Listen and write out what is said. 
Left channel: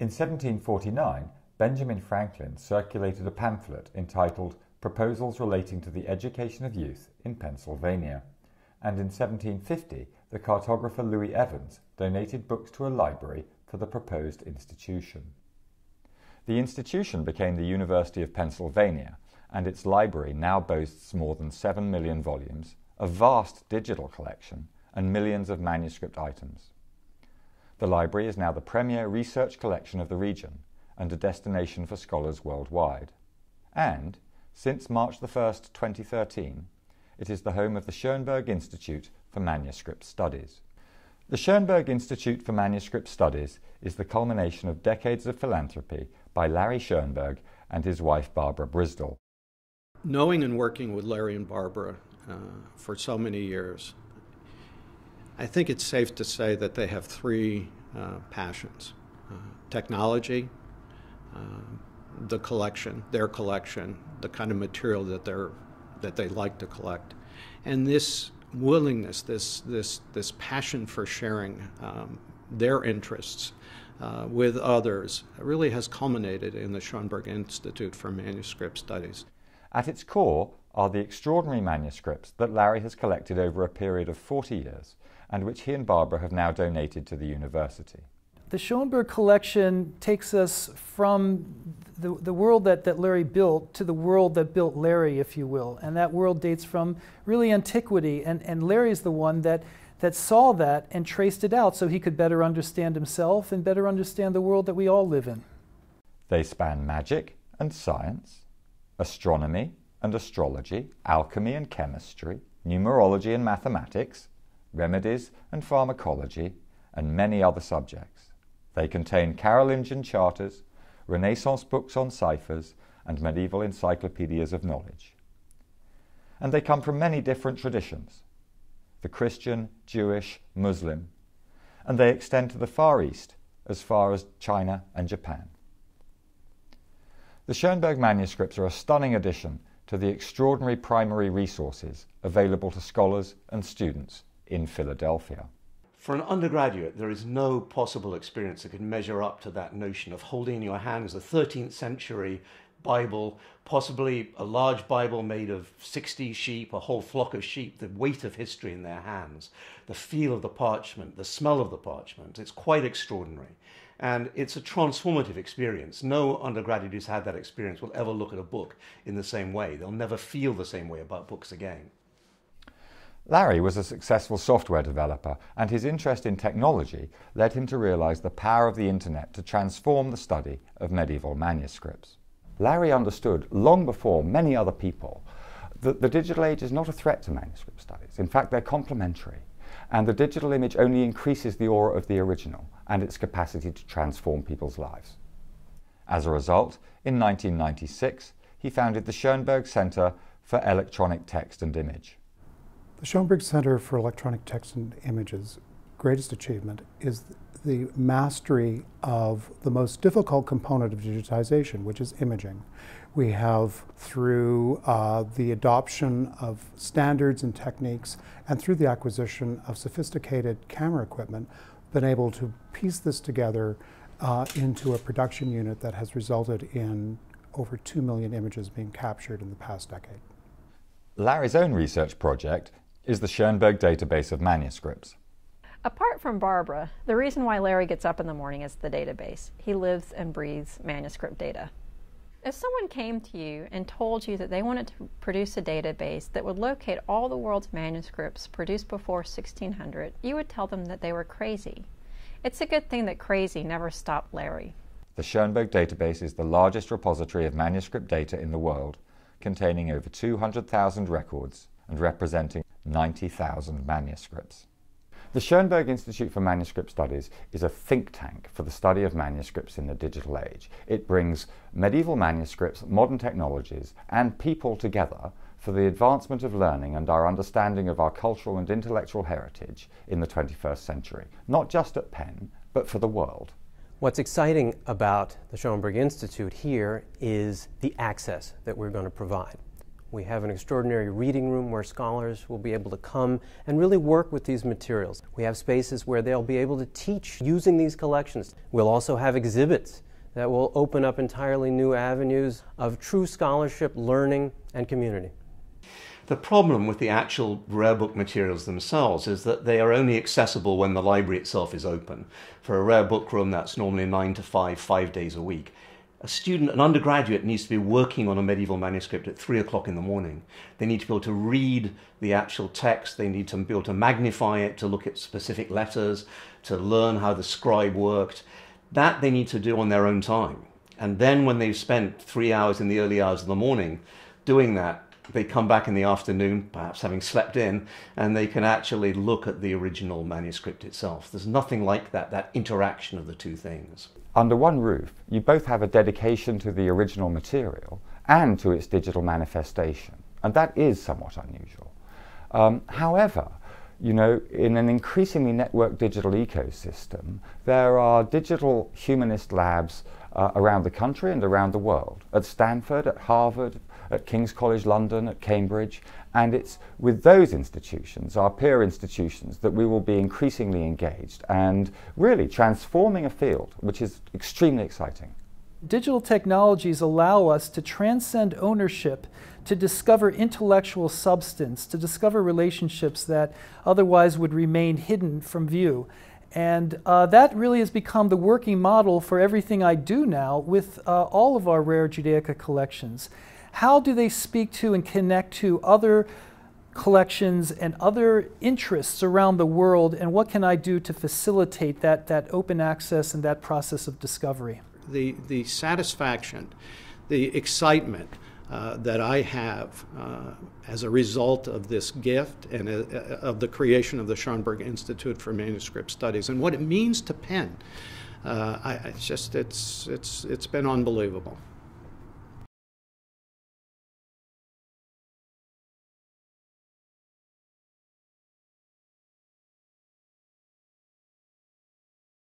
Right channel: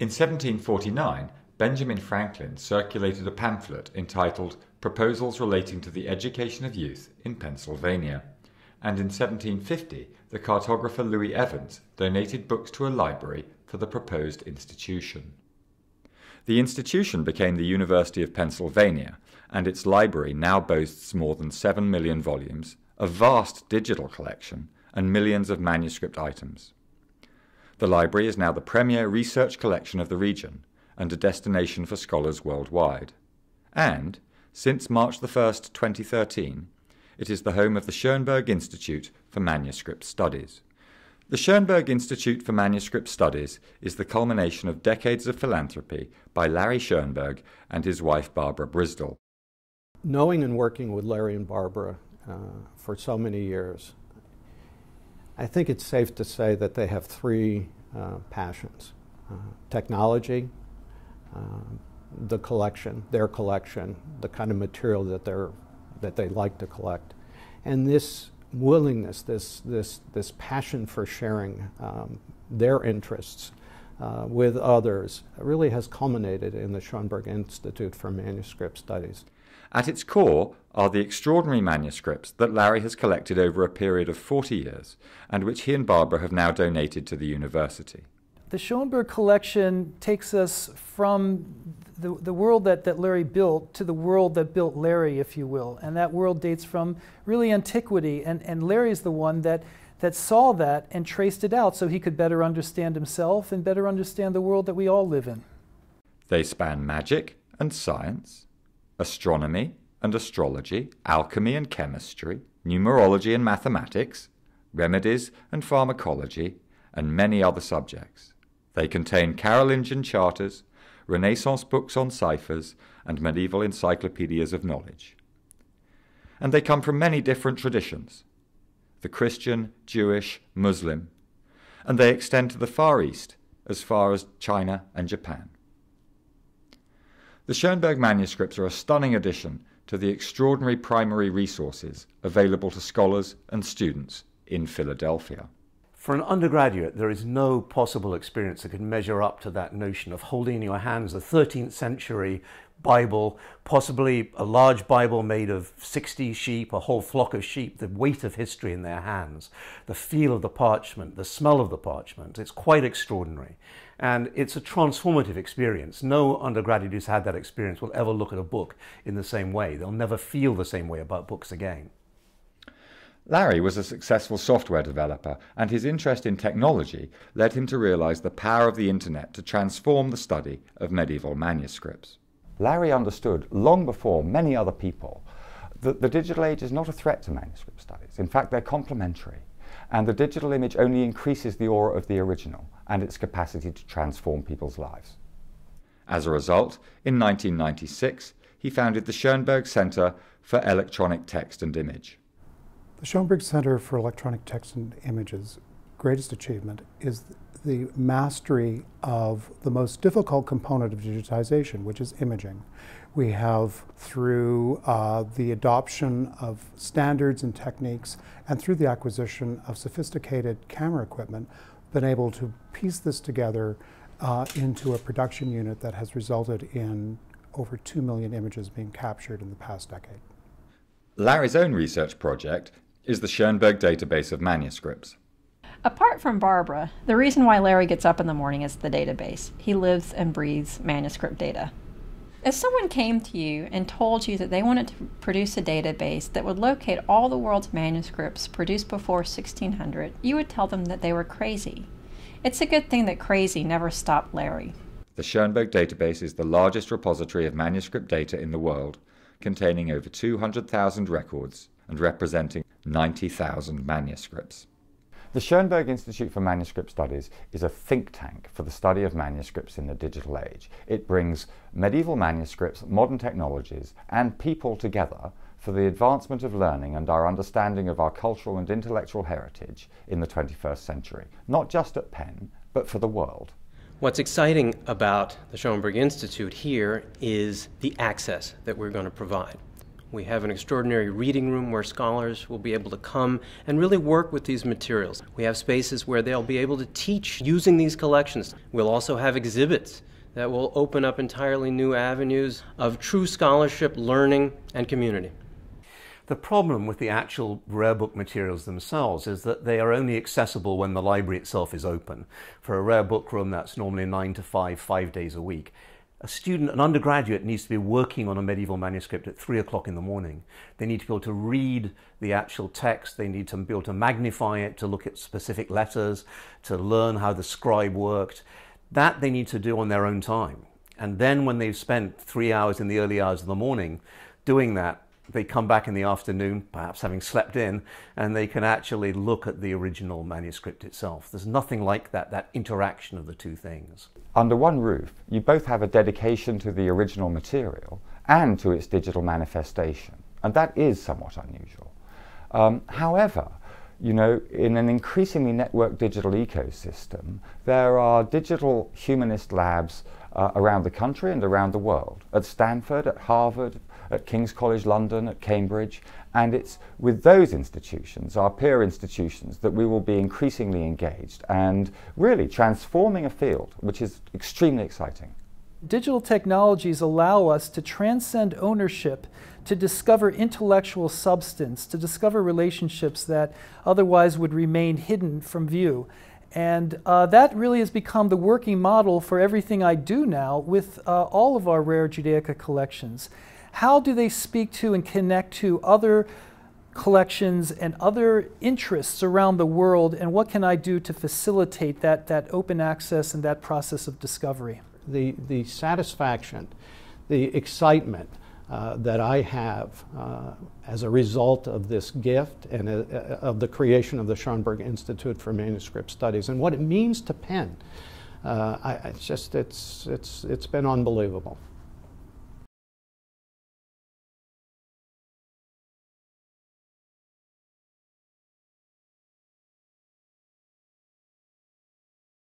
In 1749, Benjamin Franklin circulated a pamphlet entitled Proposals Relating to the Education of Youth in Pennsylvania, and in 1750 the cartographer Louis Evans donated books to a library for the proposed institution. The institution became the University of Pennsylvania, and its library now boasts more than 7 million volumes, a vast digital collection, and millions of manuscript items. The library is now the premier research collection of the region and a destination for scholars worldwide. And, since March 1st, 2013, it is the home of the Schoenberg Institute for Manuscript Studies. The Schoenberg Institute for Manuscript Studies is the culmination of decades of philanthropy by Larry Schoenberg and his wife Barbara Brizdle. Knowing and working with Larry and Barbara for so many years, I think it's safe to say that they have three passions: technology, the collection, their collection, the kind of material that they like to collect, and this willingness, this passion for sharing their interests with others really has culminated in the Schoenberg Institute for Manuscript Studies. At its core are the extraordinary manuscripts that Larry has collected over a period of 40 years and which he and Barbara have now donated to the university. The Schoenberg collection takes us from the world that Larry built to the world that built Larry, if you will. And that world dates from really antiquity. And Larry is the one that saw that and traced it out so he could better understand himself and better understand the world that we all live in. They span magic and science, astronomy and astrology, alchemy and chemistry, numerology and mathematics, remedies and pharmacology, and many other subjects. They contain Carolingian charters, Renaissance books on ciphers, and medieval encyclopedias of knowledge. And they come from many different traditions: the Christian, Jewish, Muslim, and they extend to the Far East, as far as China and Japan. The Schoenberg manuscripts are a stunning addition to the extraordinary primary resources available to scholars and students in Philadelphia. For an undergraduate, there is no possible experience that can measure up to that notion of holding in your hands a 13th century Bible, possibly a large Bible made of 60 sheep, a whole flock of sheep, the weight of history in their hands, the feel of the parchment, the smell of the parchment. It's quite extraordinary. And it's a transformative experience. No undergraduate who's had that experience will ever look at a book in the same way. They'll never feel the same way about books again. Larry was a successful software developer, and his interest in technology led him to realize the power of the internet to transform the study of medieval manuscripts. Larry understood, long before many other people, that the digital age is not a threat to manuscript studies. In fact, they're complementary, and the digital image only increases the aura of the original and its capacity to transform people's lives. As a result, in 1996, he founded the Schoenberg Center for Electronic Text and Image. The Schoenberg Center for Electronic Text and Image's greatest achievement is the mastery of the most difficult component of digitization, which is imaging. We have, through the adoption of standards and techniques and through the acquisition of sophisticated camera equipment, been able to piece this together into a production unit that has resulted in over 2 million images being captured in the past decade. Larry's own research project is the Schoenberg database of manuscripts. Apart from Barbara, the reason why Larry gets up in the morning is the database. He lives and breathes manuscript data. If someone came to you and told you that they wanted to produce a database that would locate all the world's manuscripts produced before 1600, you would tell them that they were crazy. It's a good thing that crazy never stopped Larry. The Schoenberg database is the largest repository of manuscript data in the world, containing over 200,000 records and representing 90,000 manuscripts. The Schoenberg Institute for Manuscript Studies is a think tank for the study of manuscripts in the digital age. It brings medieval manuscripts, modern technologies, and people together for the advancement of learning and our understanding of our cultural and intellectual heritage in the 21st century, not just at Penn, but for the world. What's exciting about the Schoenberg Institute here is the access that we're going to provide. We have an extraordinary reading room where scholars will be able to come and really work with these materials. We have spaces where they'll be able to teach using these collections. We'll also have exhibits that will open up entirely new avenues of true scholarship, learning, and community. The problem with the actual rare book materials themselves is that they are only accessible when the library itself is open. For a rare book room, that's normally 9 to 5, 5 days a week. A student, an undergraduate, needs to be working on a medieval manuscript at 3 o'clock in the morning. They need to be able to read the actual text, they need to be able to magnify it, to look at specific letters, to learn how the scribe worked. That they need to do on their own time. And then when they've spent 3 hours in the early hours of the morning doing that, they come back in the afternoon, perhaps having slept in, and they can actually look at the original manuscript itself. There's nothing like that interaction of the two things. Under one roof, you both have a dedication to the original material and to its digital manifestation, and that is somewhat unusual. However, you know, in an increasingly networked digital ecosystem, there are digital humanist labs around the country and around the world, at Stanford, at Harvard, at King's College London, at Cambridge, and it's with those institutions, our peer institutions, that we will be increasingly engaged and really transforming a field, which is extremely exciting. Digital technologies allow us to transcend ownership, to discover intellectual substance, to discover relationships that otherwise would remain hidden from view. And that really has become the working model for everything I do now with all of our rare Judaica collections. How do they speak to and connect to other collections and other interests around the world, and what can I do to facilitate that open access and that process of discovery? The satisfaction, the excitement that I have as a result of this gift and of the creation of the Schoenberg Institute for Manuscript Studies and what it means to pen, it's been unbelievable.